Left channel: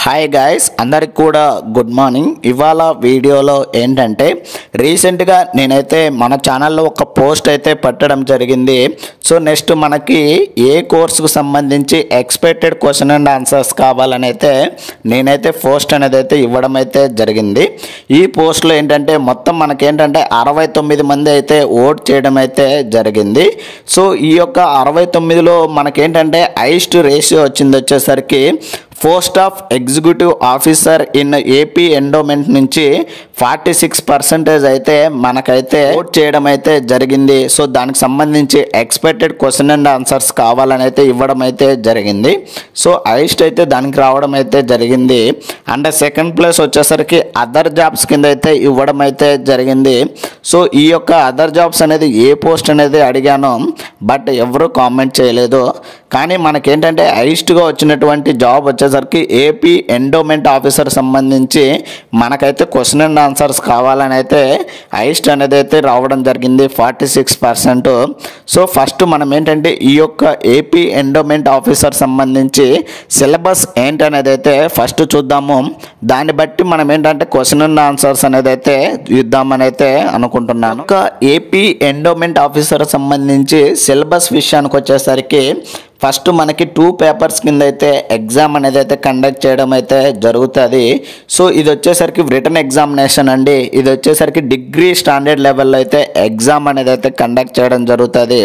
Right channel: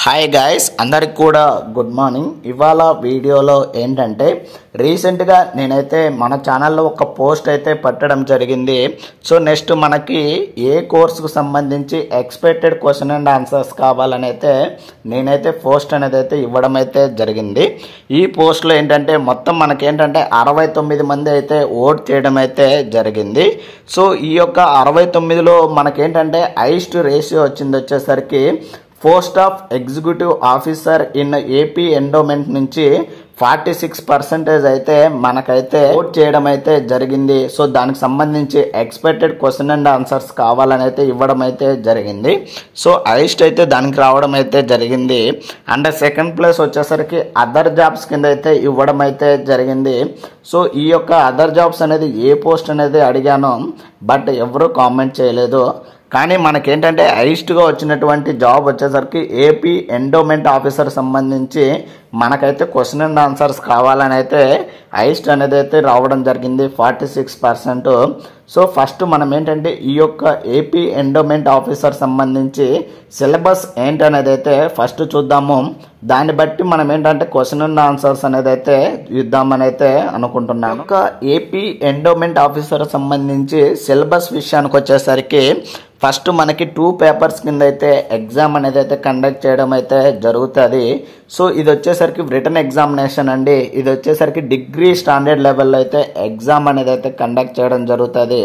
Hi guys, అందరికి కూడా good morning. ఇవాళ వీడియోలో ఏంటంటే రీసెంట్గా నేనైతే మన ఛానల్లో ఒక పోస్ట్ అయితే పెట్టడం జరిగింది. సో నెక్స్ట్ మనకి ఏ కోర్సుకు సంబంధించి ఎక్స్పెక్టెడ్ క్వశ్చన్ అండ్ ఆన్సర్స్ కావాలని అయితే నేనైతే పోస్ట్ అనేది అయితే ఇవ్వడం అయితే జరిగింది. ఈ పోస్ట్లో ఏంటంటే మొత్తం మనకేంటంటే 69 మంది అయితే ఓట్ చేయడం అయితే జరిగింది. సో ఈ యొక్క 69లో మనకేంటంటే హైయెస్ట్ రేషియో వచ్చింది వచ్చేసరికి post of executive officer in AP endowment నుంచి 46% అయితే మనకైతే ఓట్ చేయడం అయితే జరిగింది. సో దానికి సంబంధించి ఎక్స్పెక్టెడ్ క్వశ్చన్ అండ్ ఆన్సర్స్ కావాలని అయితే ఇవ్వడం అయితే జరిగింది. సో హైయెస్ట్ అయితే దానికి రావడం అయితే జరిగింది. అండ్ సెకండ్ ప్లేస్ వచ్చేసరికి అదర్ జాబ్స్ కింద అయితే ఇవ్వడం అయితే జరిగింది. సో ఈ యొక్క అదర్ జాబ్స్ అనేది ఏ పోస్ట్ అనేది అడిగాను, బట్ ఎవరు కామెంట్ చేయలేదు. కానీ మనకేంటంటే హైయెస్ట్గా వచ్చినటువంటి జాబ్ వచ్చేసరికి ఏపీ ఎండోమెంట్ ఆఫీసర్ సంబంధించి మనకైతే క్వశ్చన్ అండ్ ఆన్సర్స్ కావాలని అయితే హైయెస్ట్ అనేది అయితే రావడం జరిగింది 46%. సో ఫస్ట్ మనం ఏంటంటే ఈ యొక్క ఏపీ ఎండోమెంట్ ఆఫీసర్ సంబంధించి సిలబస్ ఏంటనేది అయితే ఫస్ట్ చూద్దాము. దాన్ని బట్టి మనం ఏంటంటే క్వశ్చన్ అండ్ ఆన్సర్స్ అనేది అయితే ఇద్దామని అయితే అనుకుంటున్నాను. ఒక ఏపీ ఎండోమెంట్ ఆఫీసర్ సంబంధించి సిలబస్ విషయానికి వచ్చేసరికి ఫస్ట్ మనకి 2 పేపర్స్ కింద అయితే ఎగ్జామ్ అనేది అయితే కండక్ట్ చేయడం అయితే జరుగుతుంది. సో ఇది వచ్చేసరికి రిటన్ ఎగ్జామినేషన్ అండి. ఇది వచ్చేసరికి డిగ్రీ స్టాండర్డ్ లెవెల్లో అయితే ఎగ్జామ్ అనేది అయితే కండక్ట్ చేయడం జరుగుతుంది.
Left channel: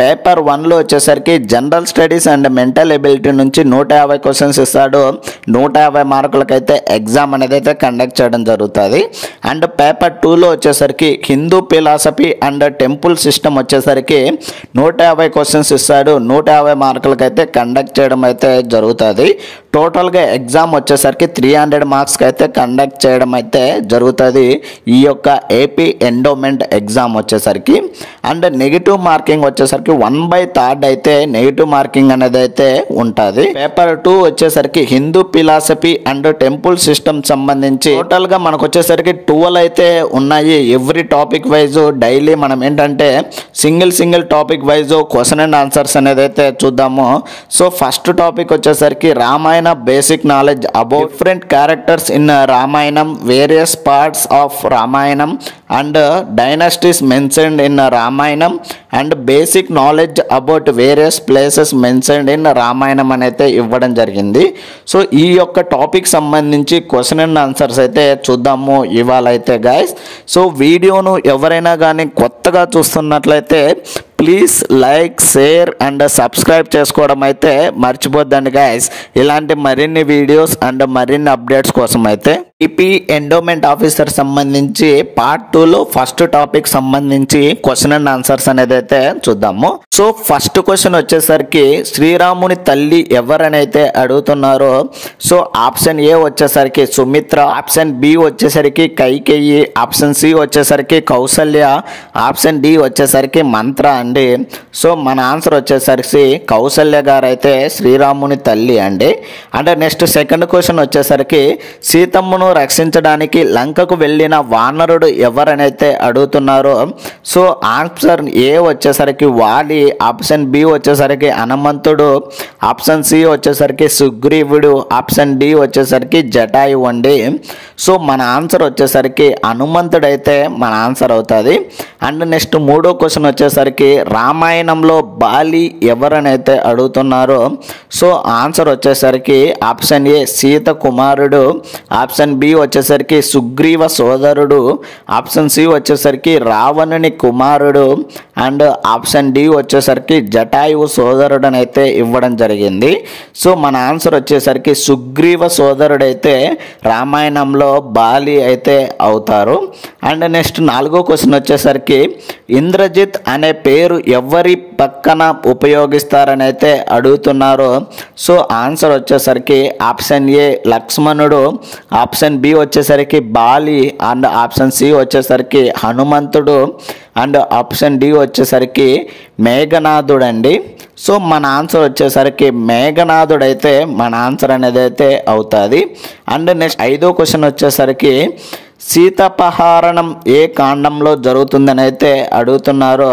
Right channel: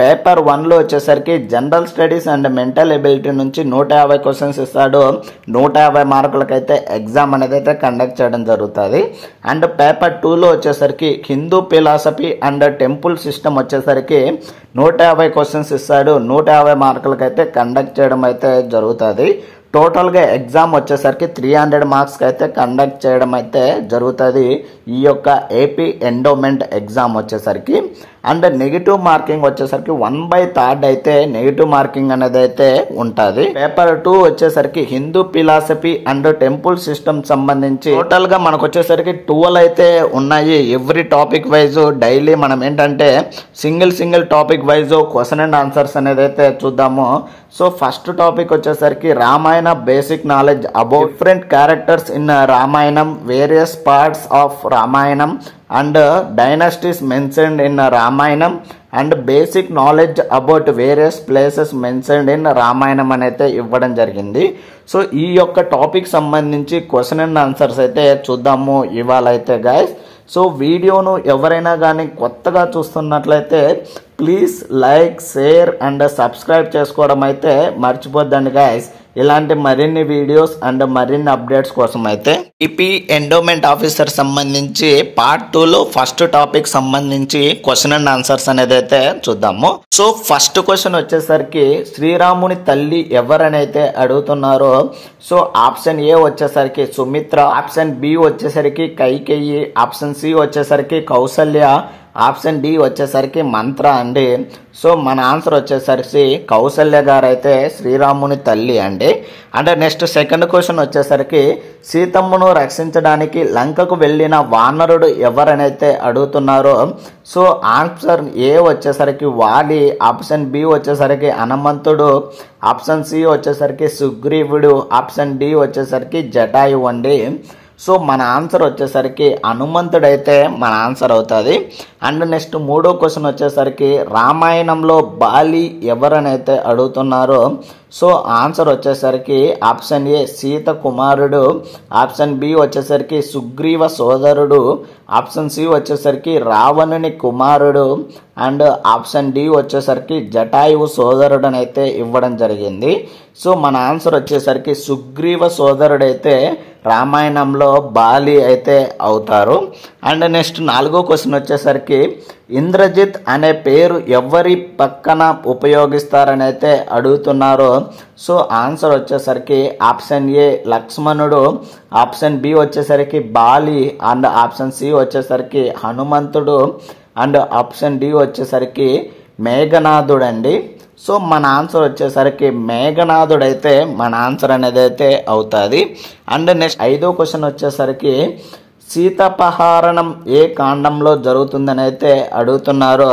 పేపర్ 1లో వచ్చేసరికి general studies and mental ability నుంచి 150 క్వశ్చన్స్ ఇస్తాడు. 150 మార్కులకైతే ఎగ్జామ్ అనేది అయితే కండక్ట్ చేయడం జరుగుతుంది. అండ్ పేపర్ 2లో వచ్చేసరికి Hindu philosophy and temple system వచ్చేసరికి 150 క్వశ్చన్స్ ఇస్తాడు. 150 మార్కులకైతే కండక్ట్ చేయడం అయితే జరుగుతుంది. టోటల్గా ఎగ్జామ్ వచ్చేసరికి 300 మార్క్స్కి అయితే కండక్ట్ చేయడం అయితే జరుగుతుంది ఈ యొక్క ఏపీ ఎండోమెంట్ ఎగ్జామ్ వచ్చేసరికి. అండ్ నెగిటివ్ మార్కింగ్ వచ్చేసరికి 1/3 అయితే నెగిటివ్ మార్కింగ్ అనేది అయితే ఉంటుంది. పేపర్ 2 వచ్చేసరికి Hindu philosophy and temple system సంబంధించి టోటల్గా మనకు వచ్చేసరికి 12 అయితే ఉన్నాయి. ఎవ్రీ టాపిక్ వైజ్ డైలీ మనం ఏంటంటే single topic wise question and answers అనేది అయితే చూద్దాము. సో ఫస్ట్ టాపిక్ వచ్చేసరికి Ramayana basic knowledge about different characters in Ramayana, various parts of Ramayana and dynasties mentioned in Ramayana and basic knowledge about various places mentioned in Ramayana అయితే ఇవ్వడం జరిగింది. So ఈ యొక్క topic సంబంధించి క్వశ్చన్ అండ్ ఆన్సర్స్ అయితే చూద్దాము ఇవాళ అయితే గైస్. సో వీడియోను ఎవరైనా కానీ కొత్తగా చూస్తున్నట్లయితే please like, share and subscribe చేసుకోవడం అయితే మర్చిపోద్దండి గైస్. ఇలాంటి మరిన్ని వీడియోస్ అండ్ మరిన్ని అప్డేట్స్ కోసం అయితే ఏపీ ఎండోమెంట్ ఆఫీసర్ సంబంధించి పార్ట్ 2లో ఫస్ట్ టాపిక్ సంబంధించి క్వశ్చన్ అండ్ ఆన్సర్స్ అనేది అయితే చూద్దాము. సో ఫస్ట్ క్వశ్చన్ వచ్చేసరికి శ్రీరాముని తల్లి ఎవరనైతే అడుగుతున్నారో, సో ఆప్షన్ ఏ వచ్చేసరికి సుమిత్ర, ఆప్షన్ బి వచ్చేసరికి కైకేయి, ఆప్షన్ సి వచ్చేసరికి కౌసల్య, ఆప్షన్ డి వచ్చేసరికి మంత్ర అండి. సో మన ఆన్సర్ వచ్చేసరికి కౌసల్య గారు అయితే శ్రీరాముని తల్లి అండి. అంటే నెక్స్ట్ సెకండ్ క్వశ్చన్ వచ్చేసరికి సీతమ్మను రక్షించడానికి లంకకు వెళ్ళిన వానరుడు ఎవరనైతే అడుగుతున్నారో, సో ఆన్సర్ ఏ వచ్చేసరికి వాలి, ఆప్షన్ బి వచ్చేసరికి హనుమంతుడు, ఆప్షన్ సి వచ్చేసరికి సుగ్రీవుడు, ఆప్షన్ డి వచ్చేసరికి జటాయు అండి. సో మన ఆన్సర్ వచ్చేసరికి హనుమంతుడైతే మన ఆన్సర్ అవుతుంది. అండ్ నెక్స్ట్ మూడో క్వశ్చన్ వచ్చేసరికి రామాయణంలో బాలి ఎవరనైతే అడుగుతున్నారో, సో ఆన్సర్ వచ్చేసరికి ఆప్షన్ ఏ సీత కుమారుడు, ఆప్షన్ బి వచ్చేసరికి సుగ్రీవ సోదరుడు, ఆప్షన్ సి వచ్చేసరికి రావణుని కుమారుడు అండ్ ఆప్షన్ డి వచ్చేసరికి జటాయువు సోదరుడు అని అయితే ఇవ్వడం జరిగింది. సో మన ఆన్సర్ వచ్చేసరికి సుగ్రీవ సోదరుడైతే రామాయణంలో బాలి అయితే అవుతారు. అండ్ నెక్స్ట్ నాలుగో క్వశ్చన్ వచ్చేసరికి ఇంద్రజిత్ అనే పేరు ఎవరి పక్కన ఉపయోగిస్తారని అయితే అడుగుతున్నారు. సో ఆన్సర్ వచ్చేసరికి ఆప్షన్ ఏ లక్ష్మణుడు, ఆప్షన్ బి వచ్చేసరికి బాలి అండ్ ఆప్షన్ సి వచ్చేసరికి హనుమంతుడు అండ్ ఆప్షన్ డి వచ్చేసరికి మేఘనాథుడు అండి. సో మన ఆన్సర్ వచ్చేసరికి మేఘనాథుడు అయితే మన ఆన్సర్ అనేది అయితే అవుతుంది. అండ్ నెక్స్ట్ ఐదో క్వశ్చన్ వచ్చేసరికి సీతాపహరణం ఏ కాండంలో జరుగుతుందని అయితే అడుగుతున్నారు.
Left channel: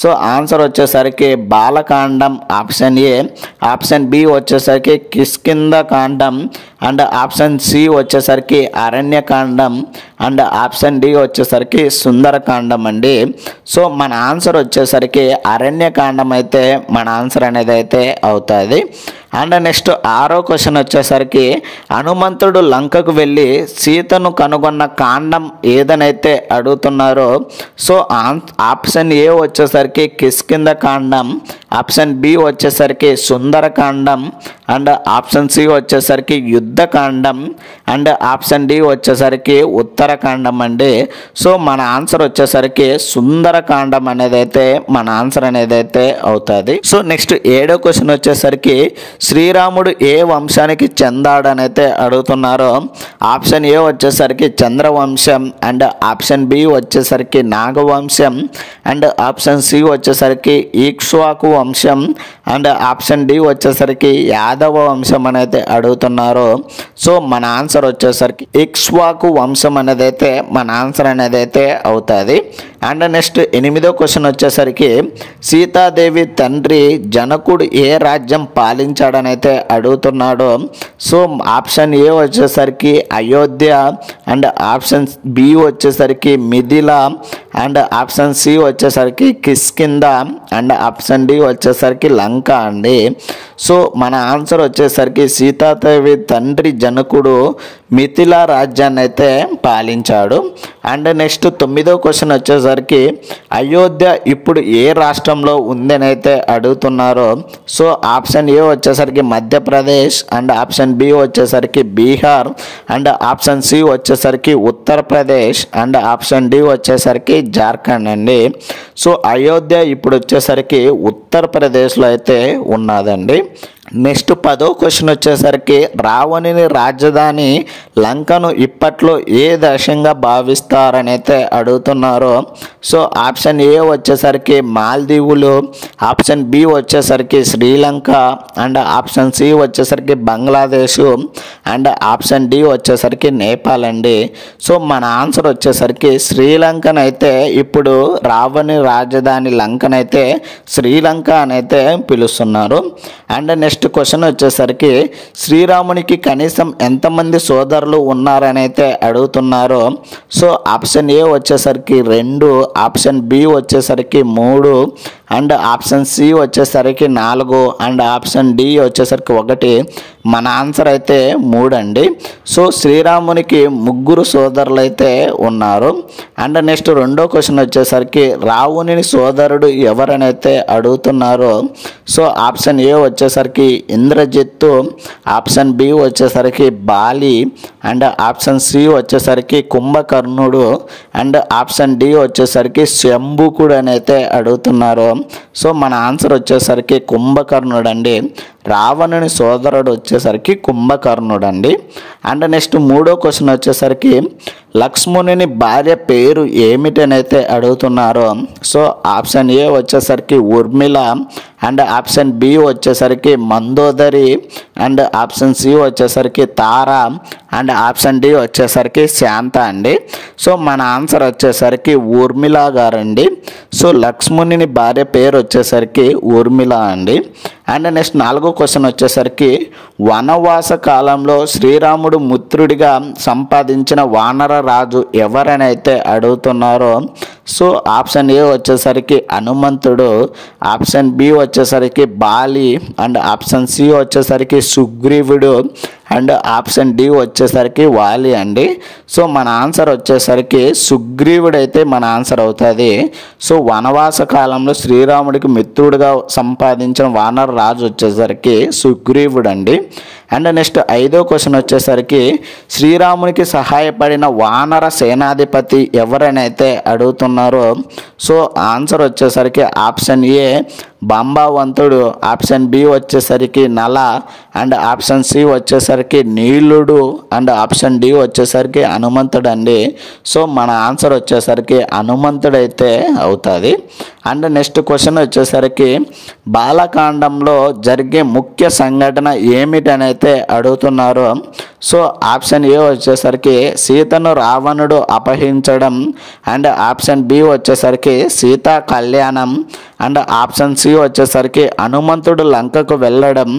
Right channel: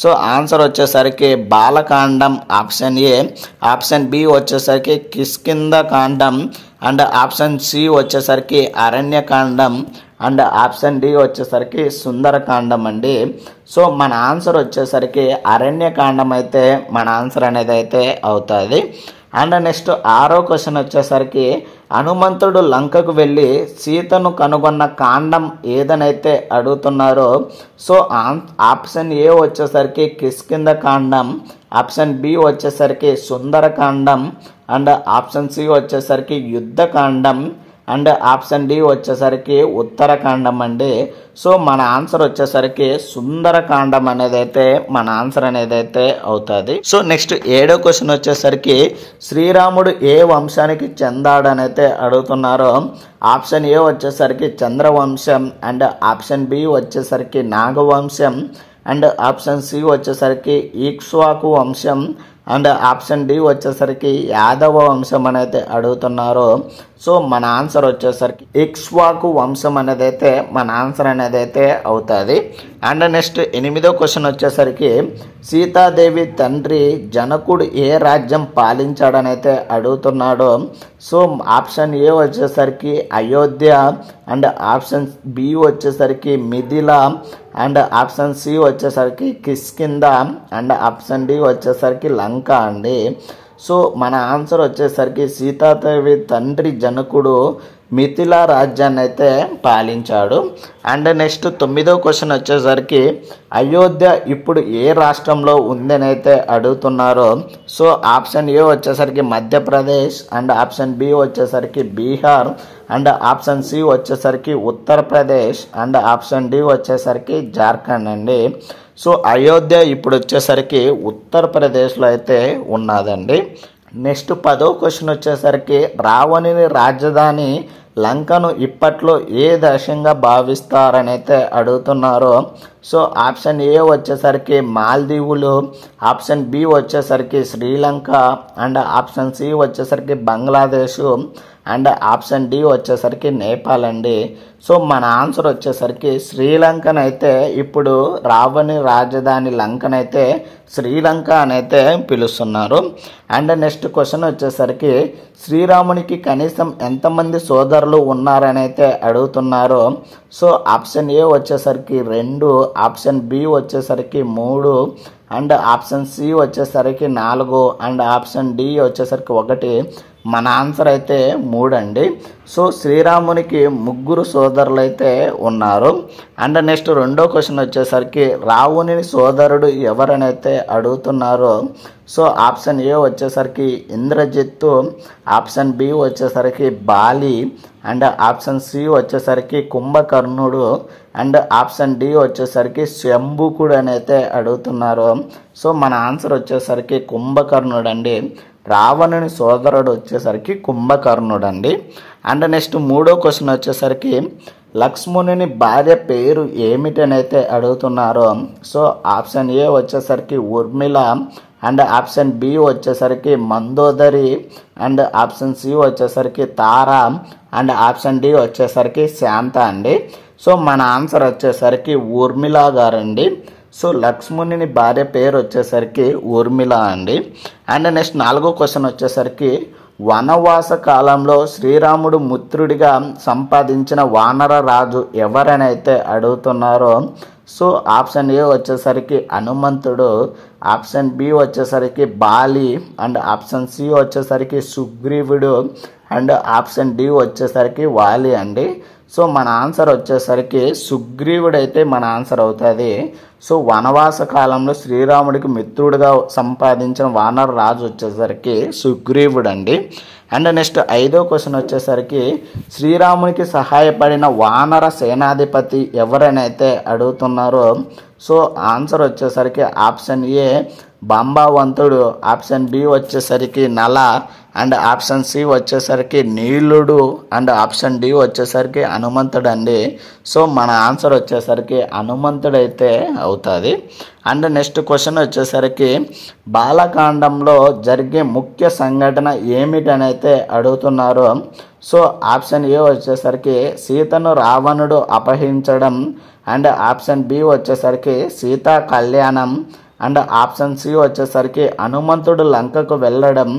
సో ఆన్సర్ వచ్చేసరికి Balakandam option A, option B వచ్చేసరికి కిష్కింద కాండం అండ్ ఆప్షన్ సి వచ్చేసరికి అరణ్యకాండం అండ్ ఆప్షన్ డి వచ్చేసరికి సుందరకాండం అండి. సో మన ఆన్సర్ వచ్చేసరికి అరణ్యకాండం అయితే మన ఆన్సర్ అనేది అయితే అవుతుంది. అండ్ నెక్స్ట్ 6వ క్వశ్చన్ వచ్చేసరికి హనుమంతుడు లంకకు వెళ్ళి సీతను కనుగొన్న కాండం ఏదనైతే అడుగుతున్నారో సో ఆప్షన్ ఏ వచ్చేసరికి కిష్కింధ కాండం, ఆప్షన్ బి వచ్చేసరికి సుందరకాండం అండ్ ఆప్షన్ సి వచ్చేసరికి యుద్ధకాండం అండ్ ఆప్షన్ డి వచ్చేసరికి ఉత్తరకాండం అండి. సో మన ఆన్సర్ వచ్చేసరికి సుందరకాండం అనేది అయితే మన ఆన్సర్ అనేది అయితే అవుతుంది. సో నెక్స్ట్ 7వ క్వశ్చన్ వచ్చేసరికి శ్రీరాముడు ఏ వంశానికి చెందాడనైతే అడుగుతున్నారో ఆప్షన్ ఏ వచ్చేసరికి చంద్రవంశం అండ్ ఆప్షన్ బి వచ్చేసరికి నాగవంశం అండ్ ఆప్షన్ సి వచ్చేసరికి ఈక్ష్వాకు వంశం అండ్ ఆప్షన్ డి వచ్చేసరికి యాదవ వంశం అనేది అడుగుతున్నారు. సో మన ఆన్సర్ వచ్చేసరికి ఇక్ష్వాకు వంశం అనేది అయితే మన ఆన్సర్ అనేది అయితే అవుతుంది. అండ్ నెక్స్ట్ 8వ క్వశ్చన్ వచ్చేసరికి సీతాదేవి తండ్రి జనకుడు ఏ రాజ్యం పాలించాడని అయితే అడుగుతున్నాడు. సో ఆప్షన్ ఏ వచ్చేసరికి అయోధ్య అండ్ ఆప్షన్ బి వచ్చేసరికి మిథిల అండ్ ఆప్షన్ సి వచ్చేసరికి కిష్కింధ అండ్ ఆప్షన్ డి వచ్చేసరికి లంక అండి. సో మన ఆన్సర్ వచ్చేసరికి సీతాదేవి తండ్రి జనకుడు మిథిలా రాజ్యాన్ని అయితే పాలించాడు. అండ్ నెక్స్ట్ 9వ క్వశ్చన్ వచ్చేసరికి అయోధ్య ఇప్పుడు ఏ రాష్ట్రంలో ఉందని అయితే అడుగుతున్నారు. సో ఆప్షన్ ఏ వచ్చేసరికి మధ్యప్రదేశ్ అండ్ ఆప్షన్ బి వచ్చేసరికి బీహార్ అండ్ ఆప్షన్ సి వచ్చేసరికి ఉత్తరప్రదేశ్ అండ్ ఆప్షన్ డి వచ్చేసరికి జార్ఖండ్ అండి. సో అయోధ్య ఇప్పుడు వచ్చేసరికి ఉత్తరప్రదేశ్లో అయితే ఉన్నదండి. నెక్స్ట్ 10వ క్వశ్చన్ వచ్చేసరికి రావణుని రాజధాని లంకను ఇప్పట్లో ఏ దేశంగా భావిస్తారని అయితే అడుగుతున్నారు. సో ఆప్షన్ ఏ వచ్చేసరికి మాల్దీవులు, ఆప్షన్ బి వచ్చేసరికి శ్రీలంక అండ్ ఆప్షన్ సి వచ్చేసరికి బంగ్లాదేశ్ అండ్ ఆప్షన్ డి వచ్చేసరికి నేపాల్ అండి. సో మన ఆన్సర్ వచ్చేసరికి శ్రీలంకనైతే ఇప్పుడు రావణి రాజధాని లంకనైతే శ్రీలంక అనైతే పిలుస్తున్నారు. అండ్ నెక్స్ట్ క్వశ్చన్ వచ్చేసరికి శ్రీరామునికి కనీసం ఎంతమంది సోదరులు ఉన్నారని అయితే అడుగుతున్నారు. సో ఆప్షన్ ఏ వచ్చేసరికి 2, ఆప్షన్ బి వచ్చేసరికి 3 అండ్ ఆప్షన్ సి వచ్చేసరికి 4 అండ్ ఆప్షన్ డి వచ్చేసరికి 1. మన ఆన్సర్ అయితే 3 అండి. సో శ్రీరామునికి 3 సోదరులు అయితే ఉన్నారు. అండ్ నెక్స్ట్ 2వ క్వశ్చన్ వచ్చేసరికి రావణుని సోదరుడు ఎవరనైతే అడుగుతున్నారు. సో ఆప్షన్ ఏ వచ్చేసరికి ఇంద్రజిత్తు, ఆప్షన్ బి వచ్చేసరికి బాలి అండ్ ఆప్షన్ సి వచ్చేసరికి కుంభకర్ణుడు అండ్ ఆప్షన్ డి వచ్చేసరికి శంభుకుడు అని అయితే అడుగుతున్నారు. సో మన ఆన్సర్ వచ్చేసరికి కుంభకర్ణుడు అండి. రావణుని సోదరుడు వచ్చేసరికి కుంభకర్ణుడు అండి. అండ్ నెక్స్ట్ 3వ క్వశ్చన్ వచ్చేసరికి లక్ష్మణుని భార్య పేరు ఏమిటని అయితే అడుగుతున్నారు. సో ఆప్షన్ ఏ వచ్చేసరికి ఉర్మిళ అండ్ ఆప్షన్ బి వచ్చేసరికి మందోదరి అండ్ ఆప్షన్ సి వచ్చేసరికి తార అండ్ ఆప్షన్ డి వచ్చేసరికి శాంత అండి. సో మన ఆన్సర్ వచ్చేసరికి ఊర్మిళ గారండి. సో లక్ష్మణుని భార్య పేరు వచ్చేసరికి ఊర్మిళ అండి. అండ్ నెక్స్ట్ 4వ క్వశ్చన్ వచ్చేసరికి వనవాస కాలంలో శ్రీరాముడు మిత్రుడిగా సంపాదించిన వానర రాజు ఎవరని అయితే అడుగుతున్నారో. సో ఆప్షన్ ఏ వచ్చేసరికి హనుమంతుడు, ఆప్షన్ బి వచ్చేసరికి బాలి అండ్ ఆప్షన్ సి వచ్చేసరికి సుగ్రీవుడు అండ్ ఆప్షన్ డి వచ్చేసరికి వాలి అండి. సో మన ఆన్సర్ వచ్చేసరికి సుగ్రీవుడు అయితే మన ఆన్సర్ అవుతుంది. సో వనవాస కాలంలో శ్రీరాముడికి మిత్రుడిగా సంపాదించిన వానర రాజు వచ్చేసరికి సుగ్రీవుడు అండి. అండ్ నెక్స్ట్ 5వ క్వశ్చన్ వచ్చేసరికి శ్రీరామునికి సహాయపడిన వానర సేనాధిపతి ఎవరనైతే అడుగుతున్నారో. సో ఆన్సర్ వచ్చేసరికి ఆప్షన్ ఏ బాంబవంతుడు, ఆప్షన్ బి వచ్చేసరికి నల అండ్ ఆప్షన్ సి వచ్చేసరికి నీలుడు అండ్ ఆప్షన్ డి వచ్చేసరికి హనుమంతుడు అండి. సో మన ఆన్సర్ వచ్చేసరికి హనుమంతుడు అయితే అవుతుంది. అండ్ నెక్స్ట్ క్వశ్చన్ వచ్చేసరికి బాలకాండంలో జరిగే ముఖ్య సంఘటన ఏమిటని అయితే అడుగుతున్నారు. సో ఆప్షన్ ఏ వచ్చేసరికి సీతను రావణుడు అపహరించడం అండ్ ఆప్షన్ బి వచ్చేసరికి సీతా కళ్యాణం అండ్ ఆప్షన్ సి వచ్చేసరికి హనుమంతుడు లంకకు వెళ్ళడం,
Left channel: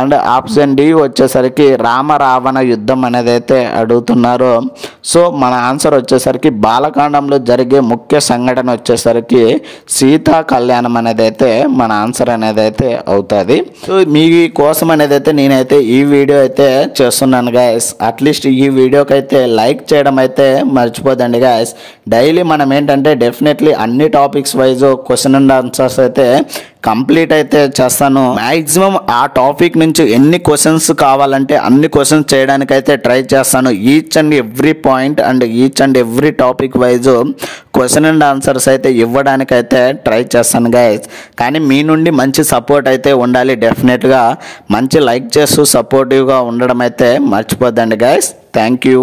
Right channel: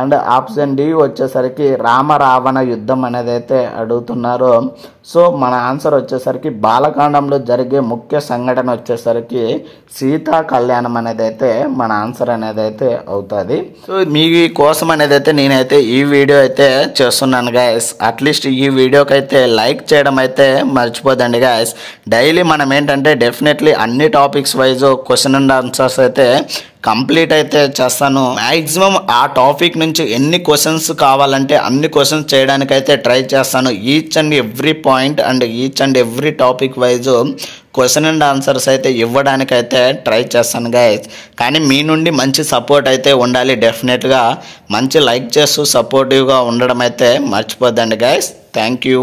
అండ్ ఆప్షన్ డి వచ్చేసరికి రామరావణ యుద్ధం అనేది అయితే అడుగుతున్నారు. సో మన ఆన్సర్ వచ్చేసరికి బాలకాండంలో జరిగే ముఖ్య సంఘటన వచ్చేసరికి సీతా కళ్యాణం అనేది అయితే మన ఆన్సర్ అనేది అయితే అవుతుంది. సో మీ కోసం అనేది అయితే నేనైతే ఈ వీడియో అయితే చేస్తున్నాను గైస్. అట్లీస్ట్ ఈ వీడియోకి అయితే లైక్ చేయడం అయితే మర్చిపోదండి గైస్. డైలీ మనం ఏంటంటే డెఫినెట్లీ అన్ని topics wise question and answers అయితే కంప్లీట్ అయితే చేస్తాను. మ్యాక్సిమం ఆ టాపిక్ నుంచి ఎన్ని క్వశ్చన్స్ కావాలంటే అన్ని క్వశ్చన్స్ చేయడానికైతే ట్రై చేస్తాను. Each and every point and each and every topic wise question and answers అయితే ఇవ్వడానికైతే ట్రై చేస్తాను గైస్. కానీ మీ నుండి మంచి సపోర్ట్ అయితే ఉండాలి. డెఫినెట్గా మంచి లైక్ చేస్తూ సపోర్టివ్గా ఉండడం అయితే మర్చిపోద్దండి గైస్. Thank you.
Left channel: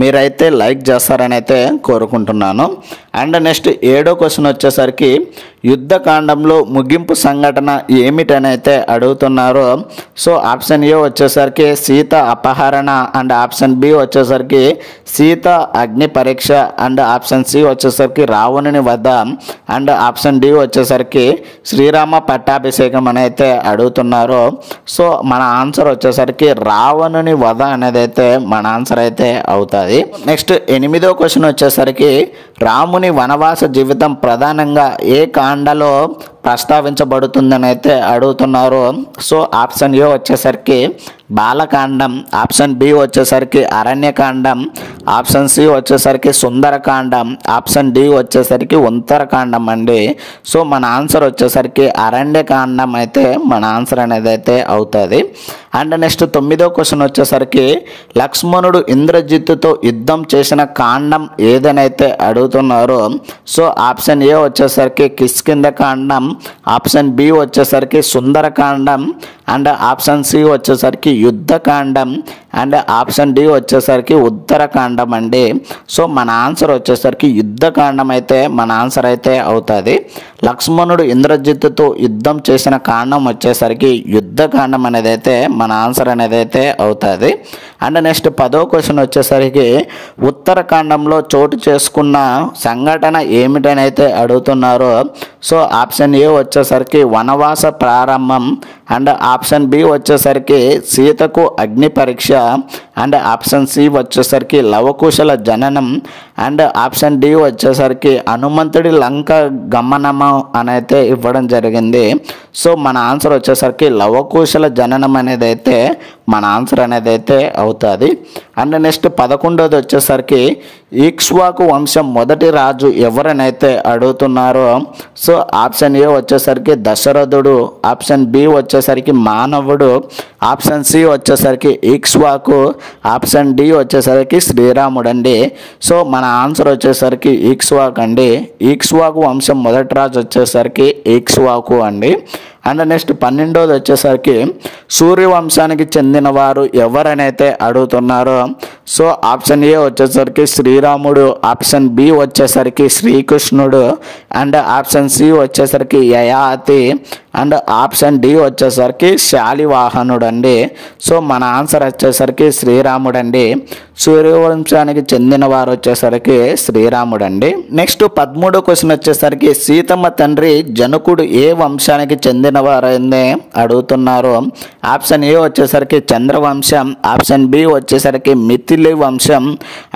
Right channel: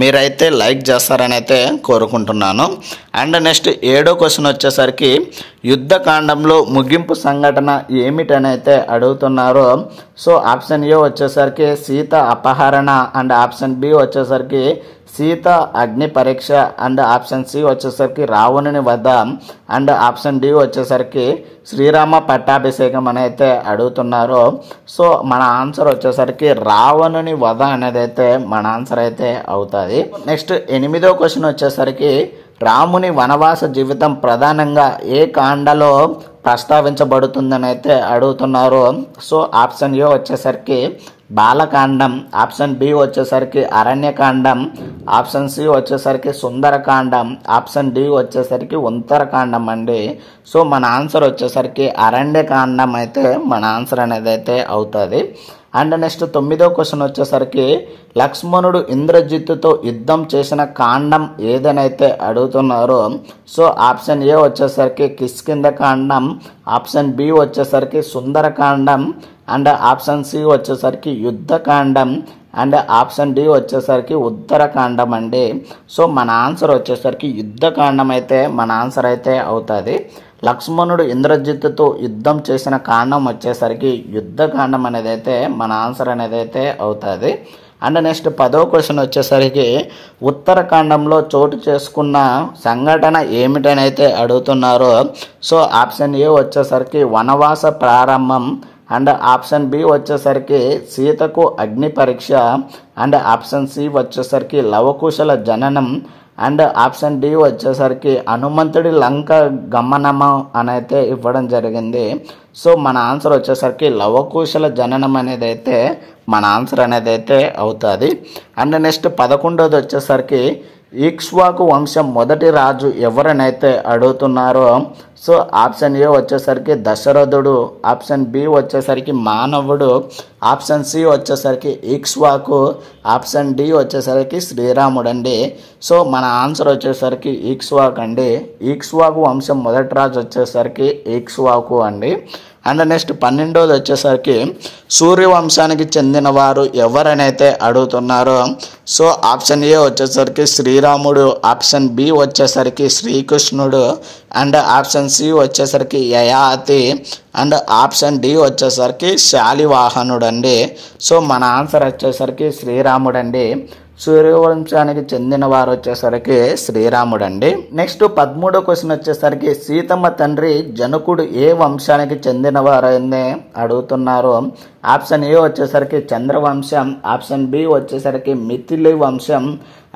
మీరైతే లైక్ చేస్తారని అయితే కోరుకుంటున్నాను. అండ్ నెక్స్ట్ 7వ క్వశ్చన్ వచ్చేసరికి యుద్ధకాండంలో ముగింపు సంఘటన ఏమిటని అయితే అడుగుతున్నారు. సో ఆప్షన్ ఏ వచ్చేసరికి సీత అపహరణ, అండ్ ఆప్షన్ బి వచ్చేసరికి సీత అగ్ని పరీక్ష, అండ్ ఆప్షన్ సి వచ్చేసరికి రావణుని వధ, అండ్ ఆప్షన్ డి వచ్చేసరికి శ్రీరామ పట్టాభిషేకం అని అయితే అడుగుతున్నారు. సో మన ఆన్సర్ వచ్చేసరికి రావణుని వధ అనేది అయితే మన ఆన్సర్ అయితే అవుతుంది. నెక్స్ట్ 8వ క్వశ్చన్ వచ్చేసరికి రాముని వనవాస జీవితం ప్రధానంగా ఏ కాండలో ప్రస్తావించబడుతుందని అయితే అడుగుతున్నారు. సో ఆప్షన్ ఏ వచ్చేసరికి బాలకాండం, ఆప్షన్ బి వచ్చేసరికి అరణ్యకాండం, ఆప్షన్ సి వచ్చేసరికి సుందరకాండం, ఆప్షన్ డి వచ్చేసరికి ఉత్తరకాండం అండి. సో మన ఆన్సర్ వచ్చేసరికి అరణ్యకాండం అయితే మన ఆన్సర్ అనేది అయితే అవుతుంది. అండ్ నెక్స్ట్ 9వ క్వశ్చన్ వచ్చేసరికి లక్ష్మణుడు ఇంద్రజిత్తుతో యుద్ధం చేసిన కాండం ఏదనైతే అడుగుతున్నారు. సో ఆప్షన్ ఏ వచ్చేసరికి కిష్కింధ కాండం, ఆప్షన్ బి వచ్చేసరికి సుందరకాండం, అండ్ ఆప్షన్ సి వచ్చేసరికి యుద్ధకాండం, అండ్ ఆప్షన్ డి వచ్చేసరికి ఉత్తరకాండం అండి. సో మన ఆన్సర్ వచ్చేసరికి యుద్ధకాండం అయితే మన ఆన్సర్ అయితే అవుతుంది. లక్ష్మణుడు ఇంద్రజిత్తుతో యుద్ధం చేసిన కాండం వచ్చేసరికి యుద్ధకాండం అనేది అయితే మన ఆన్సర్ అనేది అయితే అవుతుంది. అండ్ నెక్స్ట్ 10వ క్వశ్చన్ వచ్చేసరికి ఉత్తరకాండంలో చోటు చేసుకున్న సంఘటన ఏమిటని అయితే అడుగుతున్నారు. సో ఆప్షన్ ఏ వచ్చేసరికి వనవాస ప్రారంభం, అండ్ ఆప్షన్ బి వచ్చేసరికి సీతకు అగ్ని పరీక్ష, అండ్ ఆప్షన్ సి వచ్చేసరికి లవకుశల జననం, అండ్ ఆప్షన్ డి వచ్చేసరికి హనుమంతుడి లంక గమనము అని అయితే ఇవ్వడం జరిగింది. సో మన ఆన్సర్ వచ్చేసరికి లవకుశల జననం అనేది అయితే మన ఆన్సర్ అనేది అయితే అవుతుంది. అండ్ నెక్స్ట్ 11వది వచ్చేసరికి ఇక్ష్వాకు వంశం మొదటి రాజు ఎవరనైతే అడుగుతున్నారో. సో ఆప్షన్ ఏ వచ్చేసరికి దశరథుడు, ఆప్షన్ బి వచ్చేసరికి మానవుడు, ఆప్షన్ సి వచ్చేసరికి ఇక్ష్వాకు, ఆప్షన్ డి వచ్చేసరికి శ్రీరాముడు అండి. సో మన ఆన్సర్ వచ్చేసరికి ఇక్ష్వాకు అండి. ఇక్ష్వాకు వంశం మొదటి రాజు వచ్చేసరికి ఇక్ష్వాకు అండి. అండ్ నెక్స్ట్ 12వది వచ్చేసరికి సూర్యవంశానికి చెందిన వారు ఎవరనైతే అడుగుతున్నారో. సో ఆప్షన్ ఏ వచ్చేసరికి శ్రీరాముడు, ఆప్షన్ బి వచ్చేసరికి శ్రీకృష్ణుడు, అండ్ ఆప్షన్ సి వచ్చేసరికి యయాతి, అండ్ ఆప్షన్ డి వచ్చేసరికి శాలివాహనుడు అండి. సో మన ఆన్సర్ వచ్చేసరికి శ్రీరాముడు అండి. సూర్యవంశానికి చెందిన వారు వచ్చేసరికి శ్రీరాముడు అండి. నెక్స్ట్ 13వ క్వశ్చన్ వచ్చేసరికి సీతమ్మ తండ్రి జనకుడు ఏ వంశానికి చెందిన వారైంది అడుగుతున్నారు. ఆప్షన్ ఏ వచ్చేసరికి చంద్రవంశం, ఆప్షన్ బి వచ్చేసరికి మిథిలి వంశం,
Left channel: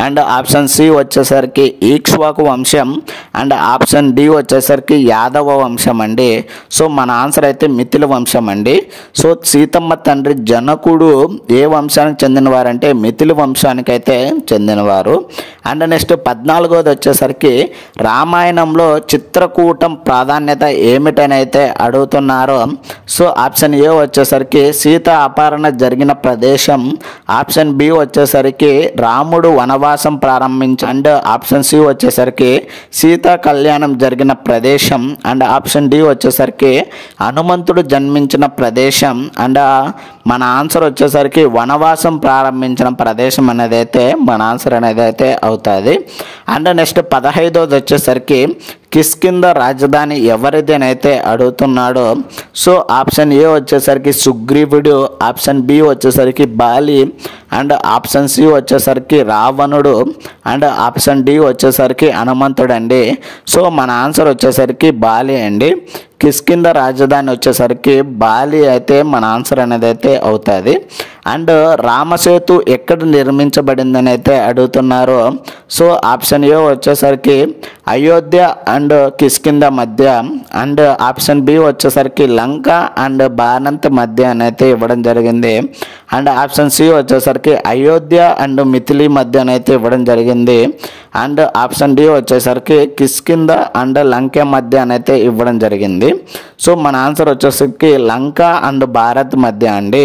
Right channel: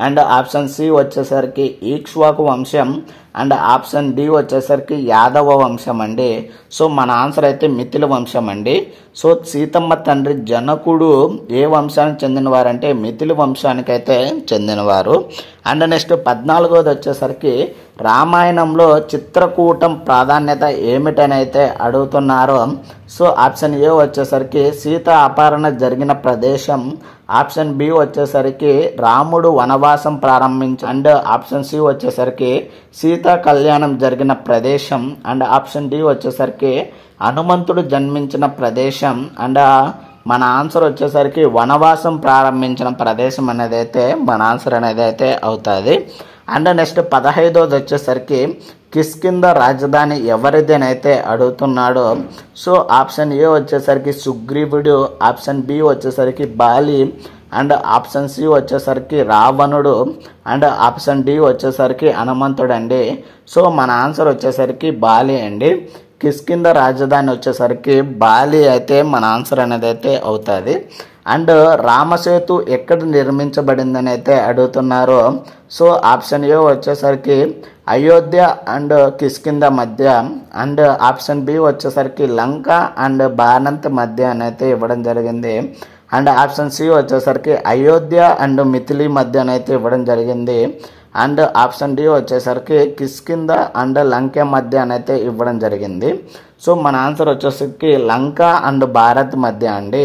అండ్ ఆప్షన్ సి వచ్చేసరికి ఈక్ష్వాకు వంశం, అండ్ ఆప్షన్ డి వచ్చేసరికి యాదవ వంశం అండి. సో మన ఆన్సర్ అయితే మిథిలి వంశం అండి. సో సీతమ్మ తండ్రి జనకుడు ఏ వంశానికి చెందినవారంటే మిథిలి వంశానికి అయితే చెందినవారు. అండ్ నెక్స్ట్ 14వది వచ్చేసరికి రామాయణంలో చిత్రకూటం ప్రాధాన్యత ఏమిటని అయితే అడుగుతున్నారు. సో ఆప్షన్ ఏ వచ్చేసరికి సీత అపహరణ జరిగిన ప్రదేశం, ఆప్షన్ బి వచ్చేసరికి రాముడు వనవాసం ప్రారంభించి, అండ్ ఆప్షన్ సి వచ్చేసరికి సీతా కళ్యాణం జరిగిన ప్రదేశం, అండ్ ఆప్షన్ డి వచ్చేసరికి హనుమంతుడు జన్మించిన ప్రదేశం, అండ్ మన ఆన్సర్ వచ్చేసరికి వనవాసం ప్రారంభించిన ప్రదేశం అనేది అయితే మన ఆన్సర్ అనేది అయితే అవుతుంది. అండ్ నెక్స్ట్ 15వది వచ్చేసరికి కిష్కింధ రాజధాని ఎవరిదేనైతే అడుగుతున్నాడో సో ఆప్షన్ ఏ వచ్చేసరికి సుగ్రీవుడు, ఆప్షన్ బి వచ్చేసరికి బాలి, అండ్ ఆప్షన్ సి వచ్చేసరికి రావణుడు, అండ్ ఆప్షన్ డి వచ్చేసరికి హనుమంతుడు అండి. సో మన ఆన్సర్ వచ్చేసరికి బాలి అండి. కిష్కింధ రాజధాని వచ్చేసరికి బాలి అయితే మన ఆన్సర్ అనేది అయితే అవుతుంది. అండ్ రామసేతు ఎక్కడ నిర్మించబడిందని అయితే అడుగుతున్నారు. సో ఆప్షన్ ఏ వచ్చేసరికి అయోధ్య అండ్ కిష్కింధ మధ్య, అండ్ ఆప్షన్ బి వచ్చేసరికి లంక అండ్ బాణంత్ మధ్య అని అయితే ఇవ్వడం జరిగింది. అండ్ ఆప్షన్ సి వచ్చేసరికి అయోధ్య అండ్ మిథిలి మధ్య అయితే ఇవ్వడం జరిగింది. అండ్ ఆప్షన్ డి వచ్చేసరికి కిష్కింధ అండ్ లంక మధ్య అయితే ఇవ్వడం జరిగింది. సో మన ఆన్సర్ వచ్చేసరికి లంక అండ్ భారత్ మధ్య అండి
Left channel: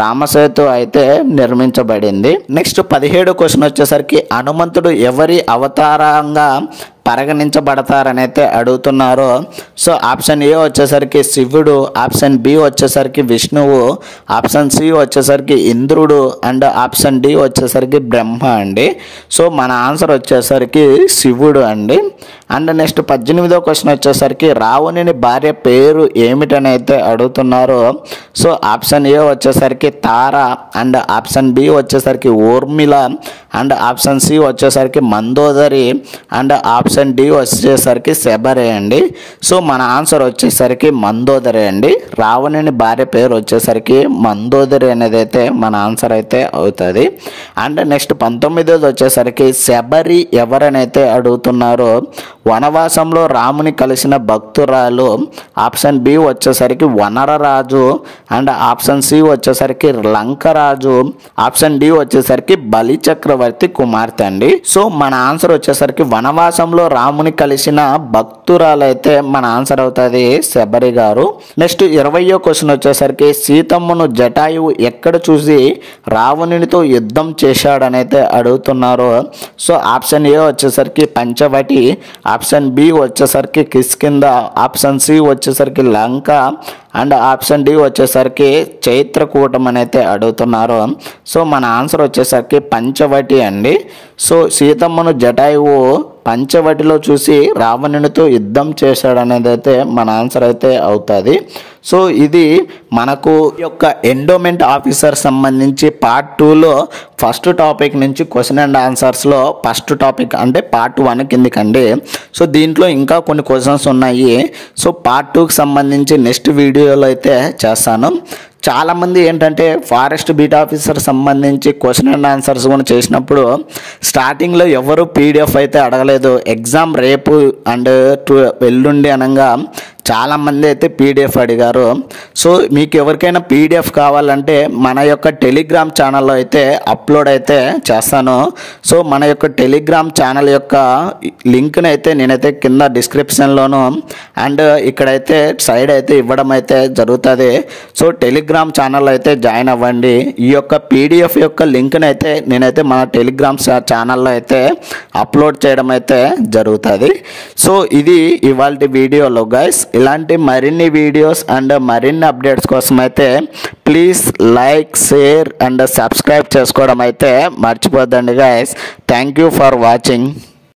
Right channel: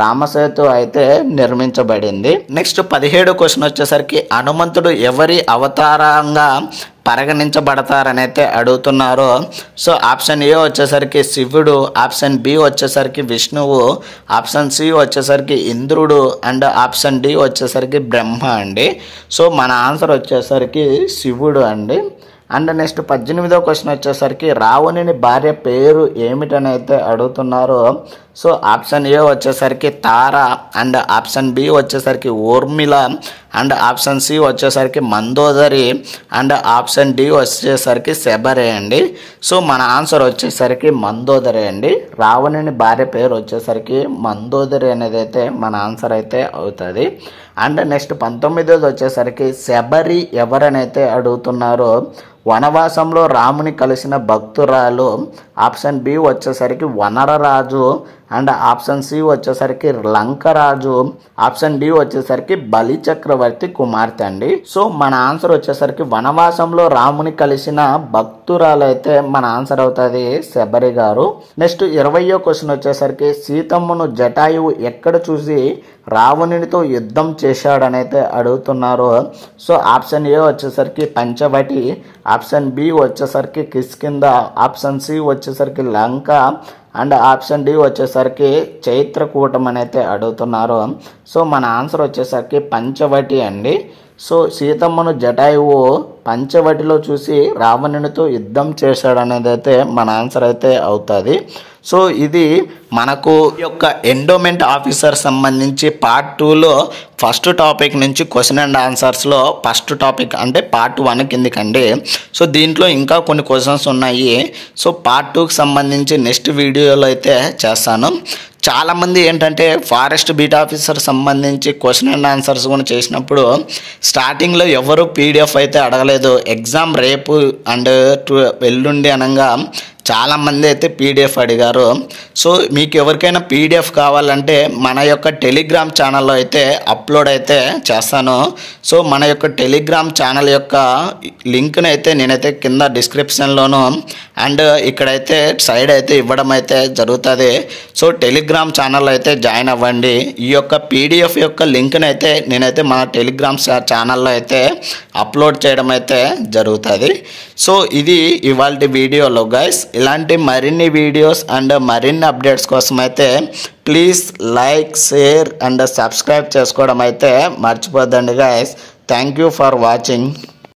రామసేతు అయితే నిర్మించబడింది. నెక్స్ట్ 17 క్వశ్చన్ వచ్చేసరికి హనుమంతుడు ఎవరి అవతారంగా పరిగణించబడతారని అయితే అడుగుతున్నారు. సో ఆప్షన్ ఏ వచ్చేసరికి శివుడు, ఆప్షన్ బి వచ్చేసరికి విష్ణువు, ఆప్షన్ సి వచ్చేసరికి ఇంద్రుడు, అండ్ ఆప్షన్ డి వచ్చేసరికి బ్రహ్మ అండి. సో మన ఆన్సర్ వచ్చేసరికి శివుడు అండి. అండ్ నెక్స్ట్ 18వ క్వశ్చన్ వచ్చేసరికి రావణుని భార్య పేరు ఏమిటని అయితే అడుగుతున్నారు. సో ఆప్షన్ ఏ వచ్చేసరికి తార, అండ్ ఆప్షన్ బి వచ్చేసరికి ఊర్మిళ, అండ్ ఆప్షన్ సి వచ్చేసరికి మందోదరి, అండ్ ఆప్షన్ డి వచ్చేసరికి శబరి అండి. సో మన ఆన్సర్ వచ్చేసరికి మందోదరి అండి. రావణుని భార్య పేరు వచ్చేసరికి మందోదరి అనేది అయితే మన ఆన్సర్ అయితే అవుతుంది. అండ్ నెక్స్ట్ 19వ వచ్చేసరికి శబరి ఎవరనైతే అడుగుతున్నారు. వనవాసంలో రాముని కలిసిన భక్తురాలు, ఆప్షన్ బి వచ్చేసరికి వనరరాజు, అండ్ ఆప్షన్ సి వచ్చేసరికి లంకరాజు, ఆప్షన్ డి వచ్చేసరికి బలి చక్రవర్తి కుమార్తె అండి. సో మన ఆన్సర్ వచ్చేసరికి వనవాసంలో రాముని కలిసిన భక్తురాలు అయితే మన ఆన్సర్ అవుతుంది శబరి గారు. నెక్స్ట్ 20వ క్వశ్చన్ వచ్చేసరికి సీతమ్మను జటాయువు ఎక్కడ చూసి రావణునితో యుద్ధం చేశాడని అయితే అడుగుతున్నారు. సో ఆప్షన్ ఏ వచ్చేసరికి పంచవటి, ఆప్షన్ బి వచ్చేసరికి కిష్కింధ, ఆప్షన్ సి వచ్చేసరికి లంక, అండ్ ఆప్షన్ డి వచ్చేసరికి చైత్రకూటం అని అయితే అడుగుతున్నారు. సో మన ఆన్సర్ వచ్చేసరికి పంచవటి అండి. సో సీతమ్మను జటాయువు పంచవటిలో చూసి రావణునితో యుద్ధం చేశాడు అనేది అయితే మన ఆన్సర్ అయితే అవుతుంది. సో ఇది మనకు యొక్క ఎండోమెంట్ ఆఫీసర్ సంబంధించి పార్ట్ 2లో ఫస్ట్ టాపిక్ నుంచి క్వశ్చన్ అండ్ ఆన్సర్స్లో ఫస్ట్ టాపిక్ అంటే పార్ట్ 1 కిందకండి. సో దీంట్లో ఇంకా కొన్ని క్వశ్చన్స్ ఉన్నాయి. సో పార్ట్ 2కి సంబంధించి నెక్స్ట్ వీడియోలో అయితే చేస్తాను. చాలామంది ఏంటంటే ఫారెస్ట్ బీట్ ఆఫీసర్ సంబంధించి క్వశ్చన్ అండ్ ఆన్సర్స్ కూడా చేసినప్పుడు స్టార్టింగ్లో ఎవరు పీడిఎఫ్ అయితే అడగలేదు. ఎగ్జామ్ రేపు అండ్ ఎల్లుండి అనగా చాలామంది అయితే పీడిఎఫ్ అడిగారు. సో మీకు ఎవరికైనా పీడిఎఫ్ కావాలంటే మన యొక్క టెలిగ్రామ్ ఛానల్లో అయితే అప్లోడ్ అయితే చేస్తాను. సో మన యొక్క టెలిగ్రామ్ ఛానల్ యొక్క లింక్ని అయితే నేనైతే కింద డిస్క్రిప్షన్లోను అండ్ ఇక్కడైతే సైడ్ అయితే ఇవ్వడం అయితే జరుగుతుంది. సో టెలిగ్రామ్ ఛానల్ అయితే జాయిన్ అవ్వండి. ఈ యొక్క పీడిఎఫ్ యొక్క లింక్ని అయితే నేనైతే మన టెలిగ్రామ్ ఛానల్లో అయితే అప్లోడ్ చేయడం అయితే జరుగుతుంది. సో ఇది ఇవాళ వీడియోలో గైస్. ఇలాంటి మరిన్ని వీడియోస్ అండ్ మరిన్ని అప్డేట్స్ కోసం అయితే please like, share and subscribe చేసుకోవడం అయితే మర్చిపోద్దండి guys. Thank you for watching.